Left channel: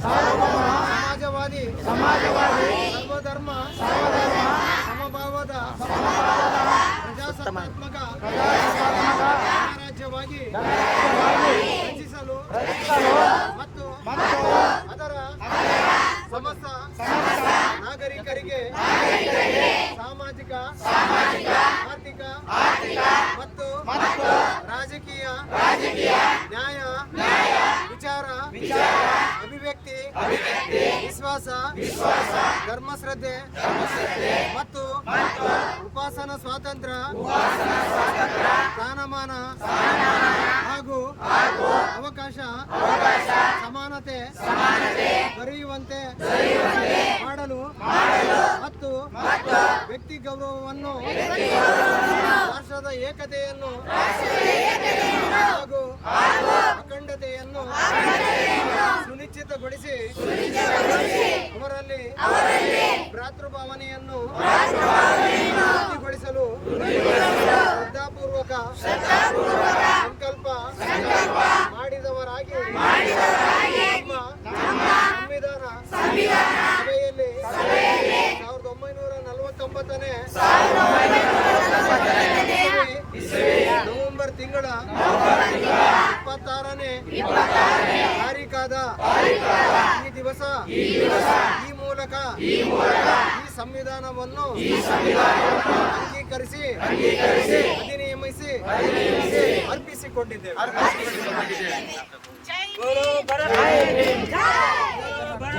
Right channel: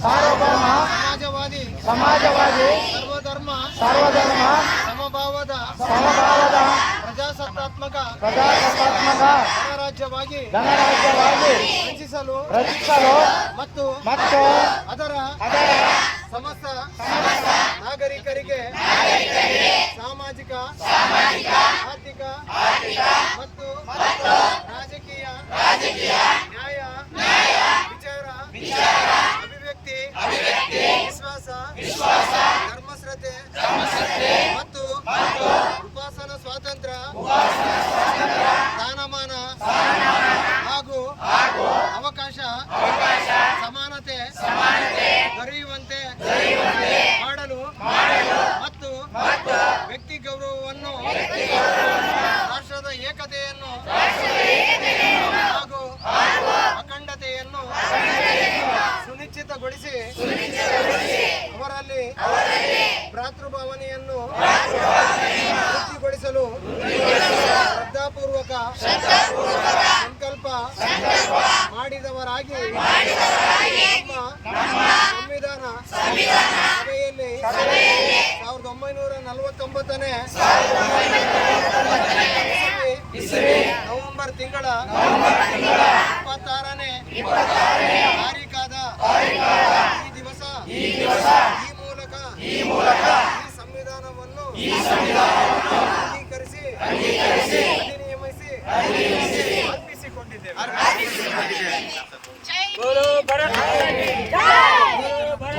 ಸಮಾಜವಾದಿ ಸರ್ವಧರ್ಮ ಸಮಭಾವದ ಪ್ರಜಾಸತ್ತಾತ್ಮಕ ಗಣರಾಜ್ಯವಾಗಿ ರಚಿಸಲು ಮತ್ತು ಅದರ ಸಮಸ್ತ ನಾಗರಿಕರಿಗೆ ಸಾಮಾಜಿಕ ಆರ್ಥಿಕ ಮತ್ತು ರಾಜಕೀಯ ನ್ಯಾಯ ವಿಚಾರ ಅಭಿವ್ಯಕ್ತಿ ವಿಶ್ವಾಸ ಧರ್ಮಶ್ರದ್ಧೆ ಮತ್ತು ಉಪಾಸನಾ ಸ್ವಾತಂತ್ರ್ಯ ಸ್ಥಾನಮಾನ ಹಾಗೂ ಅವಕಾಶ ಸಮಾನತೆ ದೊರೆಯುವಂತೆ ಮಾಡಲು ಮತ್ತು ವ್ಯಕ್ತಿ ಗೌರವವನ್ನು ರಾಷ್ಟ್ರದ ಏಕತೆಯನ್ನು ಹಾಗೂ ಅಖಂಡತೆಯನ್ನು ಸುನಿಶ್ಚಿತಗೊಳಿಸಿ ಅವರಲ್ಲಿ ಭ್ರಾತೃಭಾವನೆಯನ್ನು ವೃದ್ಧಿಗೊಳಿಸಲು ಶ್ರದ್ಧಾಪೂರ್ವಕ ಸಂಕಲ್ಪ ಮಾಡಿದವರಾಗಿ ನಮ್ಮ ಸಂವಿಧಾನ ಸಭೆಯಲ್ಲಿ 1949ನೇ ನವೆಂಬರ್ ತಿಂಗಳ 26ನೇ ತಾರೀಖಾದ ಈ ದಿವಸ ಈ ಮೂಲಕ ಈ ಸಂವಿಧಾನವನ್ನು ಅಂಗೀಕರಿಸಿ ಅಧಿನಿಯಮಿಸಿ ಅರ್ಪಿಸಿಕೊಂಡಿದ್ದೇವೆ.